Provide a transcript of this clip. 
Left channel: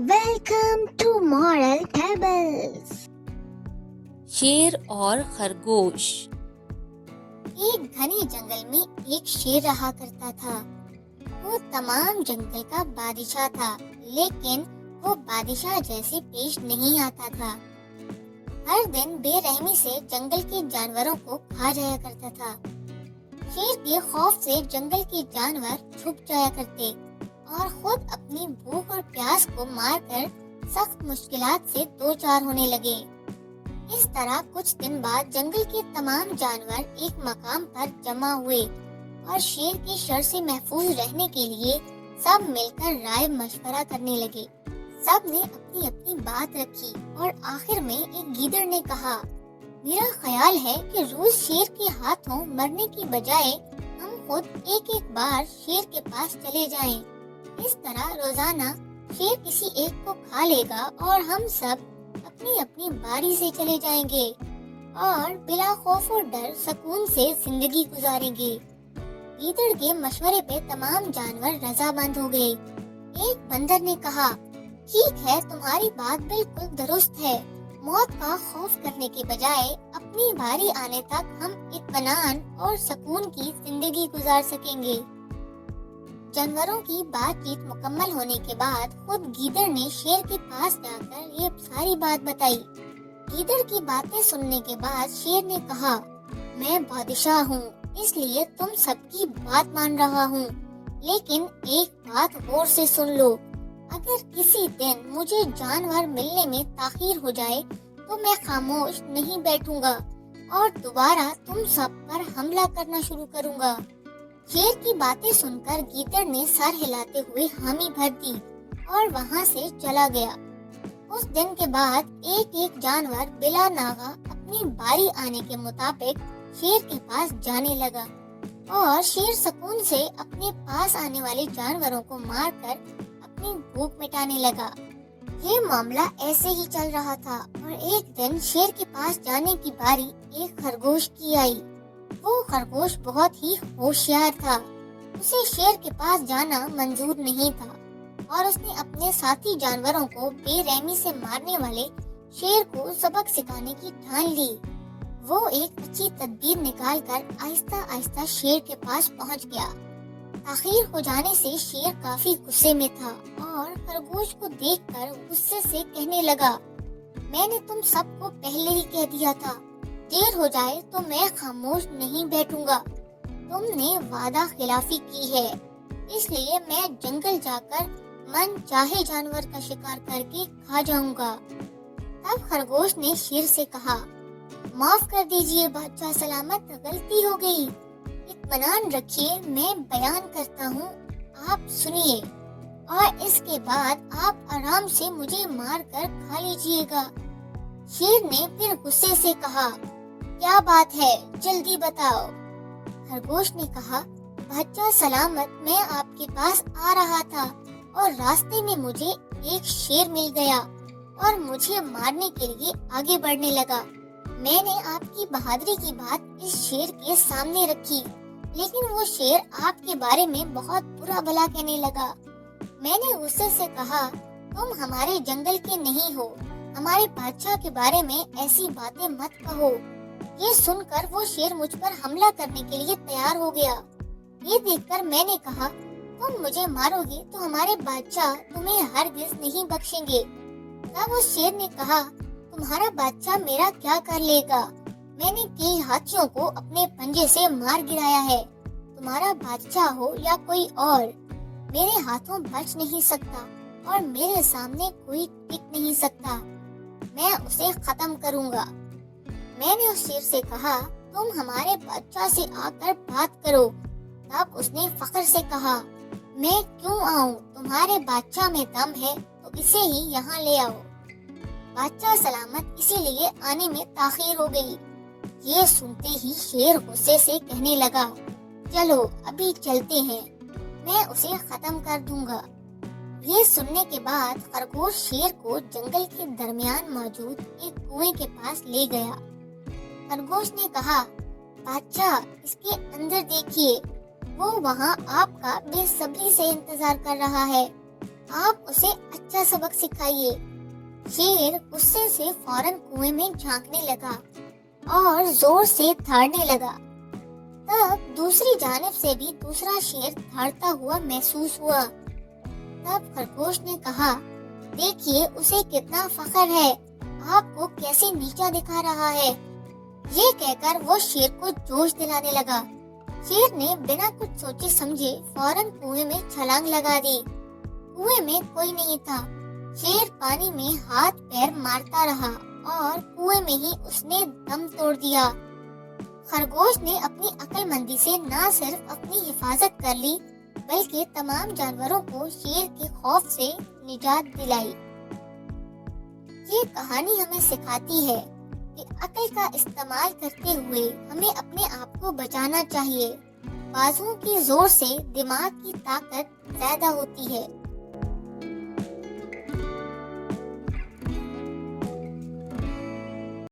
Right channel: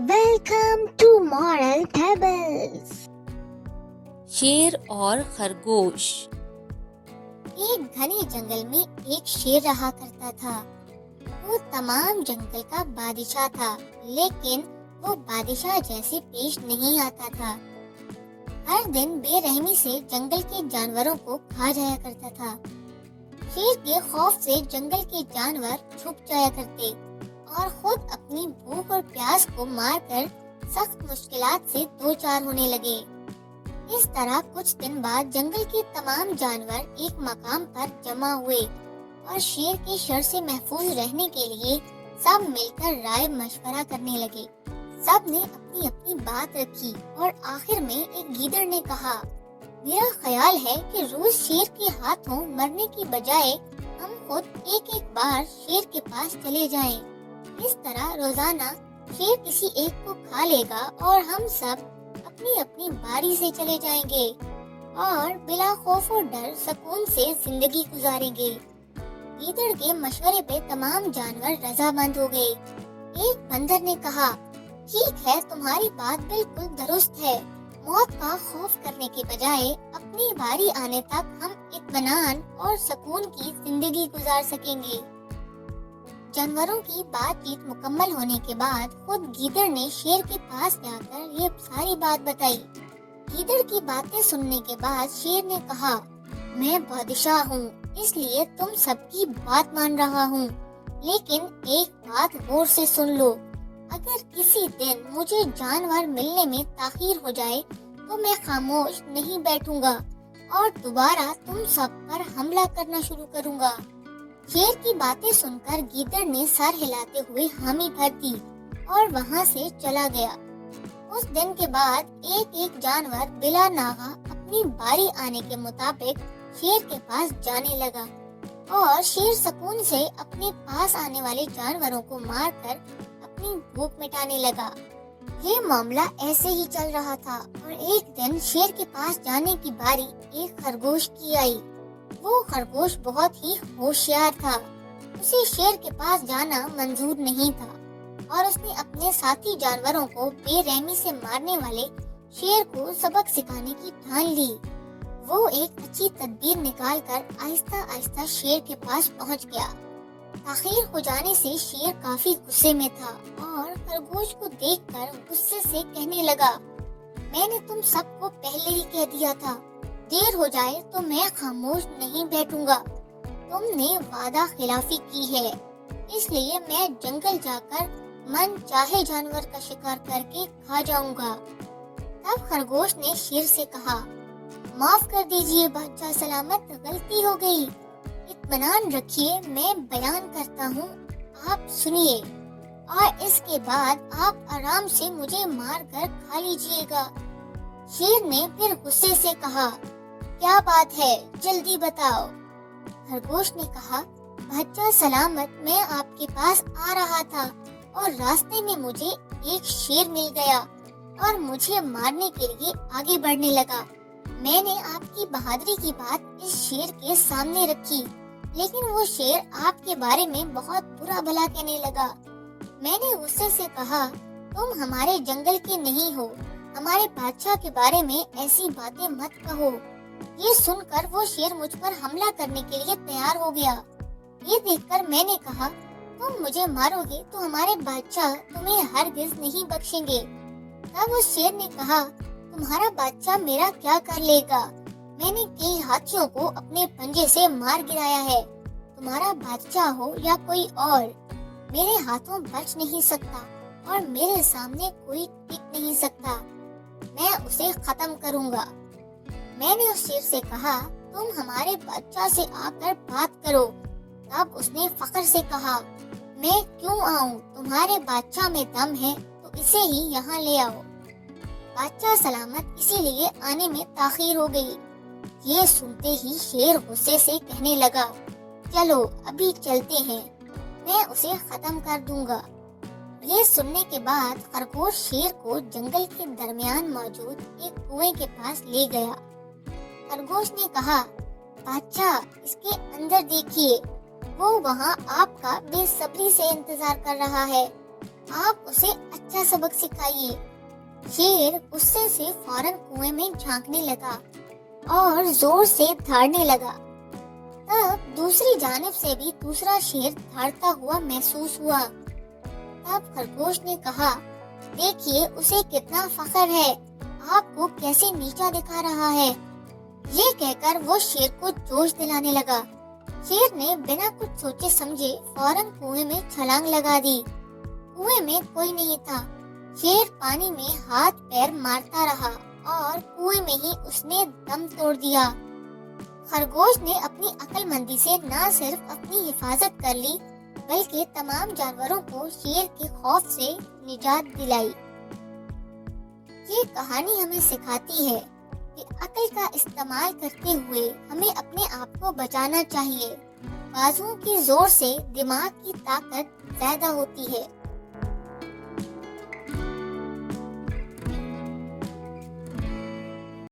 Welcome to Moral Tables. शेर और खरगोश। एक घने जंगल में एक शेर रहा करता था। वो तमाम जंगल का बादशाह था, लेकिन वो बादशाह जैसे पेश नहीं आता था। हर दिन बेरहमी से जंगल के जानवरों को खा जाया करता था। शेर के खौफ से जंगल के जानवर छुप जाया करते और खुद अपनी भूख और प्यास को मारकर सख्त मुश्किलात से दो चार होने लगे। इस तरह कुछ दिन बाद जंगल के तमाम जानवर एक मकाम पर जमा हुए और शेर की शर से महफूज रहने के लिए सब मिलकर राय मशवरा करने लगे। सब ने अपनी अपनी बात रखी और आखिर में एक गीदड़ ने कहा, मेरा ख्याल है कि रोज शेर के हाथों मरने की बजाय हम खुद एक एक बार शेर के पास चले जाएं। इस तरह रोजाना शेर किसी एक को खा लेगा और हम सब अपनी अपनी बारी से चले जाएंगे और बिला खौफ और डर सुकून से जिंदगी गुजारेंगे। गीदड़ के मशवरे पे तमाम जानवर रजामंद हो गए। एक बंदर ने कहा, ठीक है, तुम्हारी बात बिल्कुल दुरुस्त है। मौत का खौफ करने के बजाय अपनी बारी आने तक हम इत्मीनान और सुकून की जिंदगी गुजार सकेंगे। जानवरों की बातचीत मुकम्मल होने के बाद खुद गीदड़ ने शेर के पास जाकर ये सारी बात बताई। गीदड़ की बातें सुनने के बाद शेर ने कहा, मैं बादशाह हूँ, इसलिए तुम सबकी बात मान रहा हूँ, लेकिन एक बात गौर से सुन लो। अगर किसी दिन मुझे जानवर मिलने में ताखीर हो जाए तो मैं खामोश नहीं बैठूंगा और दोबारा तुम सब पर हमला करना शुरू करूंगा। शेर की बातें सुनकर गीदड़ ने सर हिलाते हुए हामी भर दी और वहाँ से चला गया। उस दिन के बाद एक एक जानवर बिला नागा अपनी बारी आने के मुताबिक शेर के पास जाने लगा और शेर सुकून से अपने पास आने वाले जानवरों को मारकर अपनी भूख मिटाने लगा। ये मामला ऐसे ही चल रहा था और एक दिन शेर के पास जाने की बारी एक खरगोश की आई। वो खरगोश बहुत ही होशियार था। उसे शेर के पास जाना मंजूर नहीं था और उसने अपने साथी जानवरों को बेरहमी से मारने वाले शेर को सबक सिखाने की ठान ली। वो एक अच्छी तदबीर निकालकर आहिस्ता आहिस्ता शेर के पास पहुंच गया। ताखीर हो जाने से शेर काफी गुस्से में था और खरगोश को देखकर गुस्से से कहने लगा, मैंने तुम सबको पहले ही कह दिया था, देर हो जाए तो मैं खामोश नहीं बैठूंगा। तुमने वादा खिलाफी की है, इसलिए मैं जंगल जाकर मन चाहे जानवर का शिकार करके खा जाऊंगा। तब खरगोश ने शेर से कहा, माफ कर दीजिए बादशाह सलामत, गलती हो गई। इत्मीनान रखिए, मैं बयान करता हूँ, आप सुनिए और इसके बाद आप आराम से मुझे मार कर खा लीजिएगा। शेर ने फिर गुस्से से कहा, क्या बात है, जल्दी बताओ। खरगोश ने कहा, बादशाह सलामत, मैं आपके पास आ रहा था और रास्ते में मुझे एक शेर मिल गया और मुझे मारने के लिए आगे बढ़ने लगा। मैंने आपकी बहादुरी की बात इस शेर के सामने रखी, लेकिन वो शेर आपके बारे में बहुत बुरा भला कहने लगा। मैंने गुस्से से कहा, तुम हमारे जंगल के नहीं हो, हमारे बादशाह के बारे में ऐसी बातें मत कहो। ये सुनकर वो शेर मुझ पर हमला करने के लिए तैयार हो गया। ये देखकर मैंने कहा, तुम मुझे मारोगे तो हमारे बादशाह तुम्हें हरगिज नहीं बख्शेंगे। तब उस शेर ने कहा, तुम्हारा बादशाह मेरा क्या कर लेगा? मैंने कई हाथियों को अपने पंजे से मार गिराया है। तुम्हारा बादशाह हो या कोई और, मेरे हाथों बच नहीं सकता और मेरे सामने कोई टिक नहीं सकता। मैं उसे खत्म करूंगा। मैंने उस शेर से कहा, तुम हमारे बादशाह से आकर बात करो। तब उसने फख्र से कहा, मैं क्यों आऊं? तुम्हारे बादशाह में दम है तो इसे ही यहाँ ले आओ। बादशाह सलामत इसीलिए आने में ताखीर हो गई। ये सुनते ही शेर गुस्से से कहने लगा, चलो अभी चलते हैं, मैं उसे खत्म कर दूंगा। ये सुनने के बाद खरगोश शेर को जंगल के दरमियान मौजूद एक कुएं के पास ले गया। खरगोश ने कहा, बादशाह, इसके अंदर देखिए, वो वहाँ आपका बेसब्री से इंतजार कर रहा है। आप उसे अच्छा सबक सिखाइए। शेर गुस्से से फौरन कुएं में झांकने लगा और जोर से दहाड़ने लगा। तब दूसरी जानिब से भी दूसरा शेर दहाड़ता हुआ महसूस हुआ। तब खरगोश ने कहा, देखिए उसे कितना फख्र है, आपको कैसे नीचा दिखा रहा है। ये कहकर वो शेर को जोश दिलाने लगा। शेर ने बिना कुछ सोचे समझे फौरन कुएं में छलांग लगा दी। कुएं में कोई नहीं था। शेर पानी में हाथ पैर मारता रहा और कुएं में ही उसने दम तोड़ दिया। खरगोश ने अपनी अक्लमंदी से न सिर्फ अपनी हिफाजत कर ली बल्कि तमाम जानवरों को शेर के खौफ से निजात दिलाई। ये कहानी हमें सिखाती है कि अक्ल का इस्तेमाल करते हुए हमें अपने आप को बचाना चाहिए। बाजुओं के जोर से दिमाग की ताकत ज्यादा होती है।